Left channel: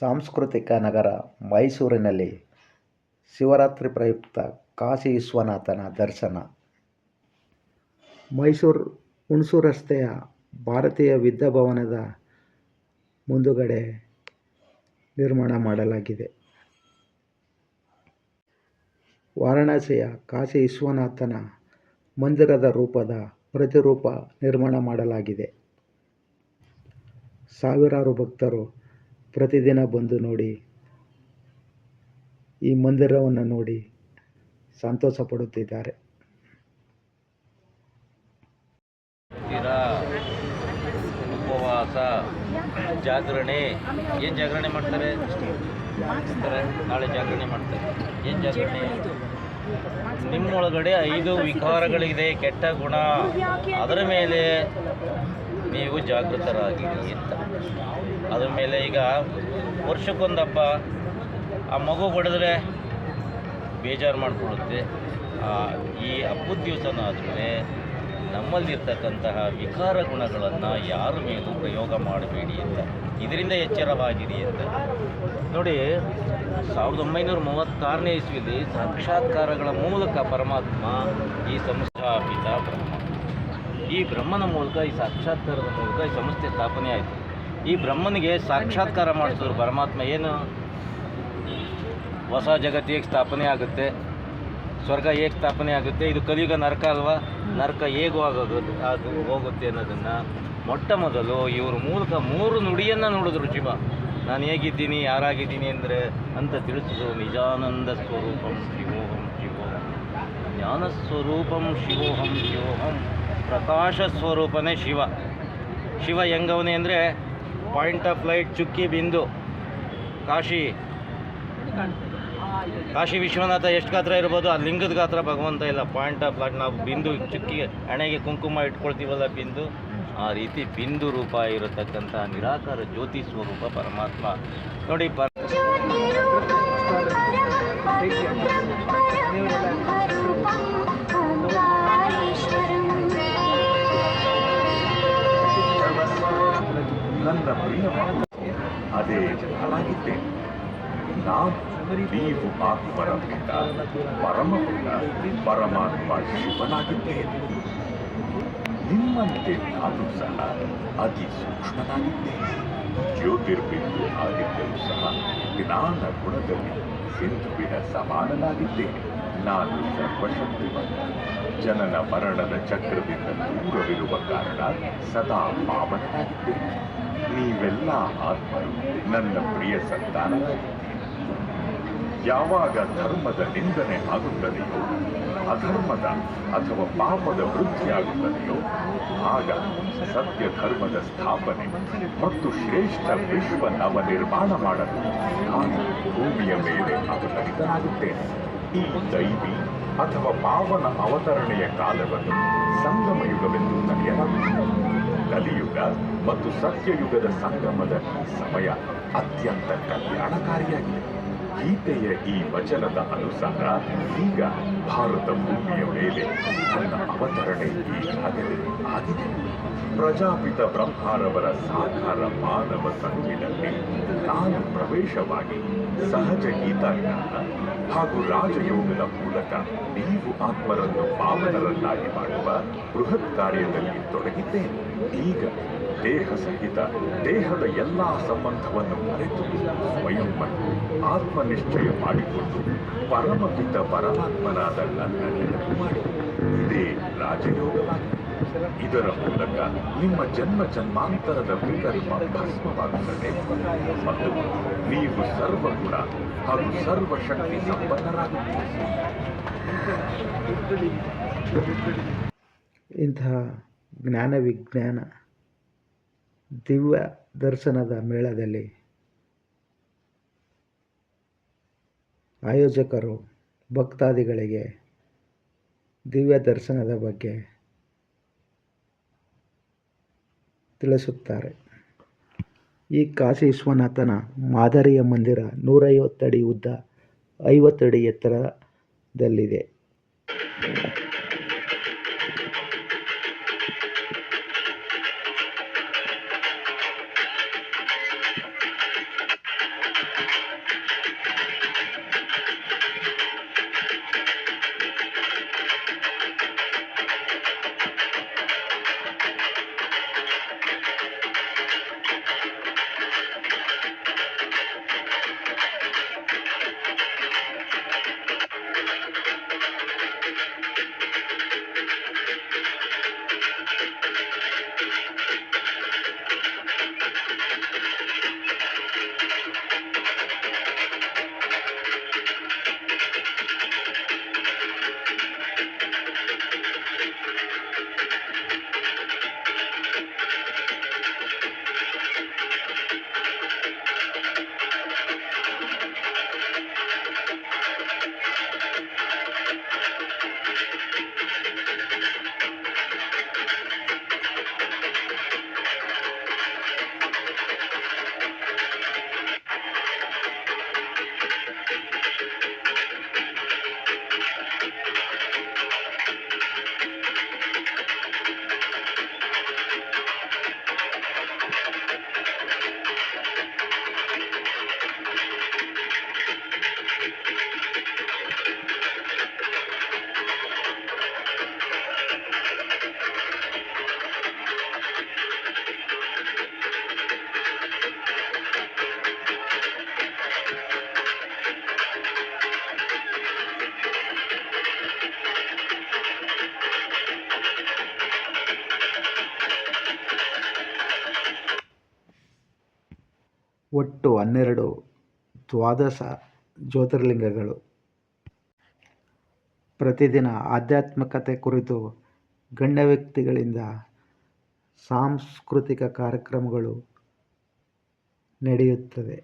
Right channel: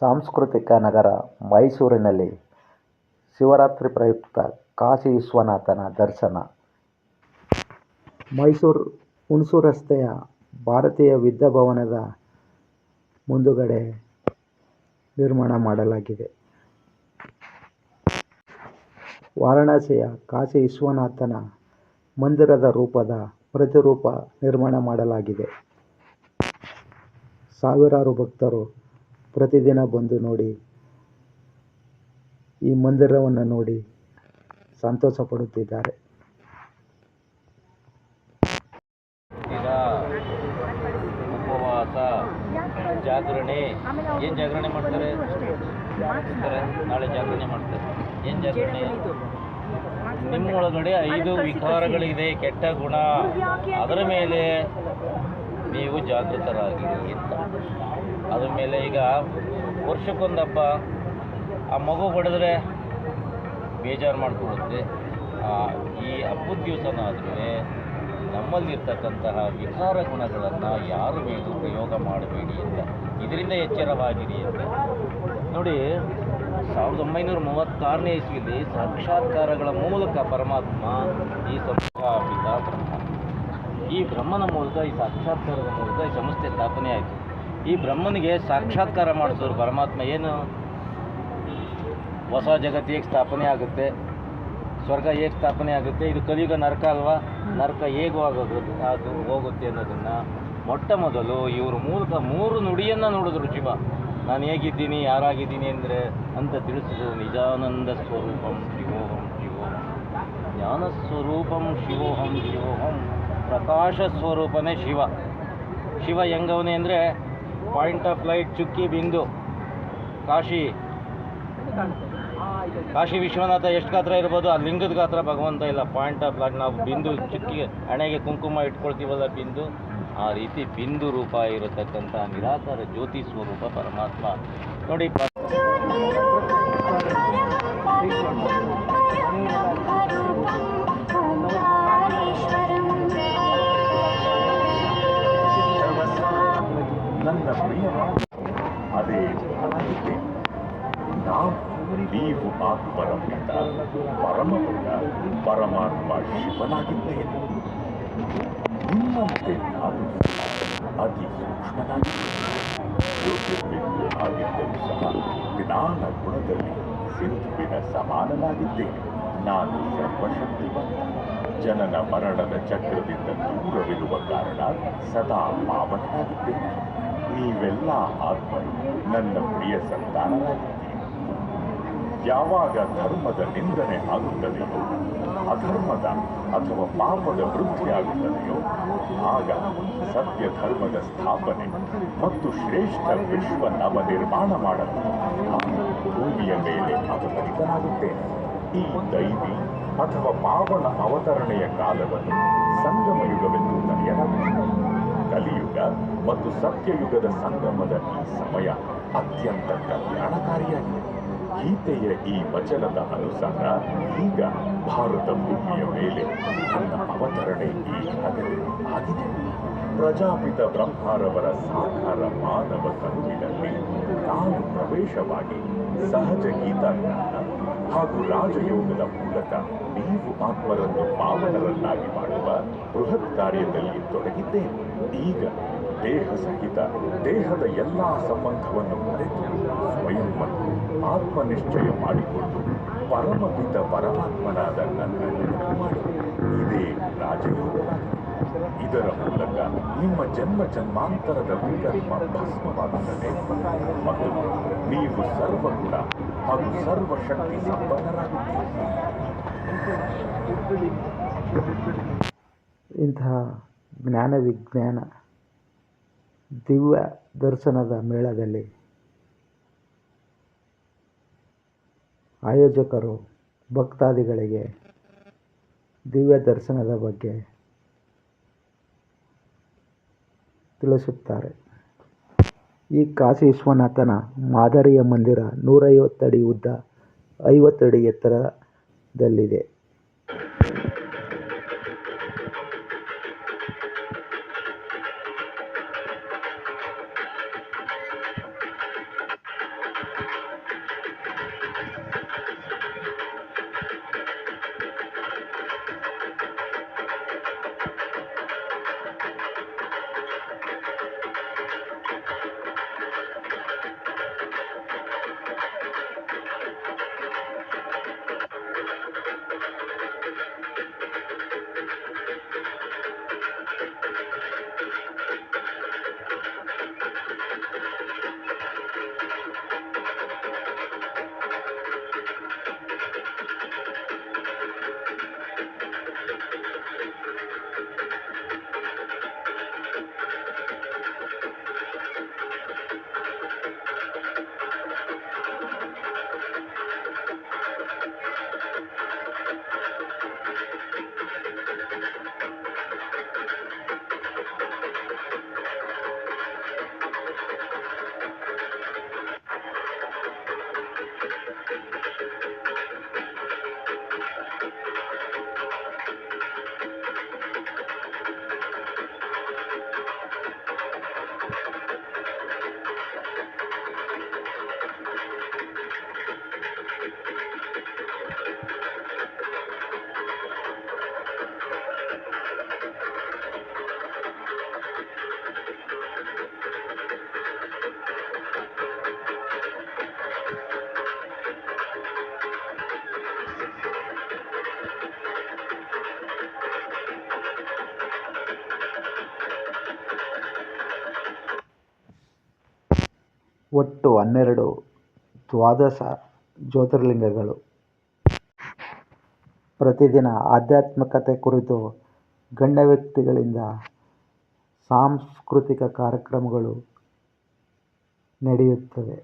ಸಾಂಸ್ಕೃತಿಕ ನಗರ ಮೈಸೂರಿನಲ್ಲಿ ಶಿವರಾತ್ರಿ ಪ್ರಯುಕ್ತ ಕಾಶಿ ವಿಶ್ವನಾಥನ ದರ್ಶನ. ಮೈಸೂರು ಹುಣಸೂರು ರಸ್ತೆಯ ಭಾರತೀಯ ವಿದ್ಯಾಭವನದ ಮುಂದುಗಡೆ ನಿರ್ಮಾಣ ಮಾಡಲಾಗಿದೆ. ವಾರಣಾಸಿಯ ಕಾಶಿ ವಿಶ್ವನಾಥನ ಮಂದಿರದ ರೂಪದ ಪ್ರತಿರೂಪ ನಿರ್ಮಾಣ ಮಾಡಲಾಗಿದೆ. ಸಾವಿರಾರು ಭಕ್ತರು ಪ್ರತಿದಿನ ಬಂದು ನೋಡಿ, ಈ ಮಂದಿರವನ್ನು ನೋಡಿ ಸಂತೋಷ ಪಡುತ್ತಿದ್ದಾರೆ ಉಪವಾಸ, ಜಾಗರಣೆ, ಏನು ಜಾಗರಣೆ ಮಾಡ್ತಾರೆ? ನಾಳೆ ಜಾಗರಣೆ ಮಾಡ್ತಾರೆ. ಏನು ಜಾಗರಣೆ? ನಿಮ್ಮೊಳಗಡೆ ಐದು ವಿಕಾರಗಳಿದೆ, ಕೆಟ್ಟ ಗುಣ. ಅದರ ಮೇಲೆ ನೀವು ಜಾಗೃತರಾಗಿ ಅಂತ ಅದ್ರ ಮೇಲೆ ಈಗ ವರ್ಷಕ್ಕೊಂದು ಹಬ್ಬ ಆ ಮಗು ಹೊಡೆದ್ರೆ ಬೇಜಾರು ಮಾಡಿಕೊಡುತ್ತೆ ಆ, ಈ ಹಬ್ಬದ ದಿವಸನಾದ್ಮೇಲೆ ನಮ್ಮಲ್ಲಿರ್ತಕ್ಕಂತಹ ವಿಕಾರ ಗುಣಗಳನ್ನು ಯಾರು ಮೇಲೂ ಪ್ರಯೋಗ ಮಾಡಬೇಡಿ ಅಂತ. ಇದರಿಂದ ಎಚ್ಚರವಾಗಿರಿ ಅಂತ. ನೋಡಿ ಸಾವಿರದ ಒಂಬೈನೂರ ಮೂವತ್ತಾರನೇ ಇಸ್ವಿಲಿ ಸಾಕ್ಷಾತ್ಕಾರಗಳ ಮೂಲಕ ಪರಮಾತ್ಮ ಈ ಸಂಸ್ಥಾಪಿತ ಬ್ರಹ್ಮ. ಈ ಬ್ರಹ್ಮನ ಮೂಲಕ, ಈ ಸಾಕ್ಷಾತ್ಕಾರದ ಮೂಲಕ ಈ ಸಂಸ್ಥೆ ಸ್ಥಾಪನೆ ಆಯಿತು. ಈ ಬ್ರಹ್ಮನಿಗೆ ಸಾಕ್ಷಾತ್ಕಾರ ಮಾಡಿಸಿದ್ರು ಪರಮಾತ್ಮ ಏನು? ಹೊಸ ಜಗತ್ತು ಹೇಗೆ ಸ್ಥಾಪನೆ ಆಗುತ್ತೆ? ಸ್ವರ್ಗ ಹೇಗೆ ಸ್ಥಾಪನೆ ಆಗುತ್ತೆ? ಇದು ಕಲಿಯುಗ ನರಕ ಅಲ್ವಾ? ನರಕ ಹೇಗೂ ಆಗೋದು, ಅದು ಹೋಗುತ್ತೆ ಅನ್ನೋದನ್ನು ಮೊಟ್ಟ ಮೊದಲು ಇವ್ರ ಮೂಲಕ ಮೂರು ನುಡಿಯನ್ನು ನೋಡಿದ್ರು ಜೀವ ನಾನು ಹೇಗಿದ್ದೀನಿ, ಯಾರಾಗಿದ್ದೀನಿ ಅಂದರೆ ಅಂತ ತಿಳಿಸಿದ್ರು ನಿಜಾನಂದ ಸ್ವರೂಪಂ ಶಿವೋಹಂ ಶಿವೋಹಂ. ಜ್ಞಾನ ಸ್ವರೂಪಂ ಶಿವೋಹಂ ಶಿವೋಹಂ. ಪ್ರಕಾಶ ಸ್ವರೂಪನೇ ಶಿವ. ಶಿವ ಹೆಂಗವನೇ ಅಂದರೆ ಪಾಯಿಂಟ್ ಆಫ್ ಲೈಟ್ ಚುಕ್ಕಿ ಬಿಂದು. ಕಾಶಿ. ಕಾಶಿ ವಿಶ್ವನಾಥ ಎಷ್ಟು ಗಾತ್ರ ಇರ್ಬೋದು? ಆ ಲಿಂಗದ ಗಾತ್ರ ಭಗವಂತ ಇಲ್ಲ. ಪಾಯಿಂಟ್ ಆಫ್ ಲೈಟ್ ನಾವು ಬಿಂದು ಚುಕ್ಕಿ ಹಣೆಗೆ ಕುಂಕುಮ ಇಟ್ಕೊಳ್ತೀವಲ್ಲ ಬಿಂದು? ಆ ರೀತಿ ಬಿಂದು ರೂಪ ಇರತಕ್ಕಂಥ ನಿರಾಕಾರ ಜ್ಯೋತಿ ಸ್ವರೂಪ ಪರಮಾತ್ಮ. ನೋಡಿ ಅದೇ ನಾನು ನೀವು ಆತ್ಮರ ಪಿತ ಪರಮಪಿತ ಪರಮಾತ್ಮ ಶಿವನಾಗಿದ್ದೇನೆ ನಿಮ್ಮಂತೆ ನಾನು ಸಹ ಅತಿ ಸೂಕ್ಷ್ಮನಾಗಿದ್ದೇನೆ ಜ್ಯೋತಿರ್ಬಿಂದು ಆಗಿದ್ದರೂ ಸಹ ಜ್ಞಾನ ಗುಣದಲ್ಲಿ ಸಿಂಧುವಿನ ಸಮಾನನಾಗಿದ್ದೇನೆ ನಾನು ಸರ್ವಶಕ್ತಿವಂತ. ಜನನ ಮರಣದ ಚಕ್ರದಿಂದ ದೂರವಿರುವ ಕಾರಣ ಸದಾ ಪಾವನನಾಗಿದ್ದೇನೆ ನೀವೆಲ್ಲ ಆತ್ಮ ನನ್ನ ಪ್ರಿಯ ಸಂತಾನರಾಗಿದ್ದೀರಿ ಯಾವಾಗ ಧರ್ಮದ ನಿಂದನೆ ಆಗುತ್ತದೆಯೋ, ಅಧರ್ಮದ ಅಥವಾ ಪಾಪದ ವೃದ್ಧಿಯಾಗುತ್ತದೆಯೋ ಆಗ ಸತ್ಯ ಧರ್ಮದ ಸ್ಥಾಪನೆ ಮತ್ತು ಶ್ರೇಷ್ಠ ವಿಶ್ವ ನವ ನಿರ್ಮಾಣ ಮಾಡಲು ನಾನು ಭೂಮಿಯ ಮೇಲೆ ಅವತರಿತನಾಗುತ್ತೇನೆ ಈ ದೈವಿ ಅಥವಾ ಪಾವನ ಅವತರಣೆಯ ಕಾಲವನ್ನು ಸಂಗಮ ಯುಗವೆಂದು ಕರೆಯಲಾಗುತ್ತದೆ. ಕಲಿಯುಗ ಮತ್ತು ಸತ್ಯಯುಗದ ಸಂಗಮದ ಈ ಸಮಯ ಅತ್ಯಂತ ಕಲ್ಯಾಣಕಾರಿಯಾಗಿದೆ. ಗೀತೆಯ ಈ ವಚನದ ಅನುಸಾರ ಈಗ ಭಾರತ ಭೂಮಿಯ ಮೇಲೆ ತನ್ನ ಅವತರಣೆ ಈಗಾಗಲೇ ಆಗಿದೆ. ಪ್ರಜಾಪಿತ ಬ್ರಹ್ಮಾರವರ ಸಾಕಾರ ಮಾನವ ಸಂಘಿನಲ್ಲಿ ನಾನು ಪ್ರವೇಶವಾಗಿ ಸಹಜ ಗೀತಾಜ್ಞಾನ ಹಾಗೂ ರಾಜಯೋಗದ ಮೂಲಕ ನೀವು ಆತ್ಮರನ್ನು ಪಾವನರನ್ನಾಗಿ ಮಾಡುವ ಬೃಹತ್ ಕಾರ್ಯದಲ್ಲಿ ತೊಡಗಿದ್ದೇನೆ. ಈಗ ದೇಹ ಸಹಿತ ದೇಹದ ಎಲ್ಲಾ ಸಂಬಂಧವನ್ನು ಮರೆತು ಸ್ವಯಂವನ್ನು ಆತ್ಮನಿಶ್ಚಯ ಮಾಡಿಕೊಂಡು ಪರಮಪಿತ ಪರಮಾತ್ಮನಾದ ನನ್ನ ನೆನಪು ಮಾಡಿ. ಇದೇ ರಾಜಯೋಗವಾಗಿದೆ. ಇದರ ಮೂಲಕ ನಿಮ್ಮ ಜನ್ಮ ಜನ್ಮಾಂತರದ ವಿಕಲ್ಪ ಭಸ್ಮವಾಗುತ್ತದೆ. ಮತ್ತು ನೀವು ಸರ್ವಗುಣ ಹಾಗೂ ಸರ್ವಶಕ್ತಿ ಸಂಪನ್ನರಾಗುತ್ತೀರಿ. ಇಂತಹ ಜ್ಞಾನ ವಿಜ್ಞಾನ ದಿವ್ಯ ದರ್ಶನದ ಮೇಳದಲ್ಲಿ ಆಯೋಜಕರು, ಭಕ್ತಾದಿಗಳಿಗೆ ದಿವ್ಯ ದರ್ಶನದ ಬಗ್ಗೆ ತಿಳಿಸುತ್ತಾರೆ. ಈ ಕಾಶಿ ವಿಶ್ವನಾಥನ ಮಾದರಿಯ ಮಂದಿರ ನೂರೈವತ್ತಡಿ ಉದ್ದ ಐವತ್ತು ಅಡಿ ಎತ್ತರದಲ್ಲಿದೆ. ಒಟ್ಟು ಹನ್ನೆರಡು ದ್ವಾದಶ ಜ್ಯೋತಿರ್ಲಿಂಗಗಳು. ಪ್ರತಿದಿನ ಆಧ್ಯಾತ್ಮಿಕತೆ ಕುರಿತು ಗಣ್ಯ ವ್ಯಕ್ತಿಗಳಿಂದ ಸಾಂಸ್ಕೃತಿಕ ಕಾರ್ಯಕ್ರಮಗಳು ನಡೆಯುತ್ತವೆ.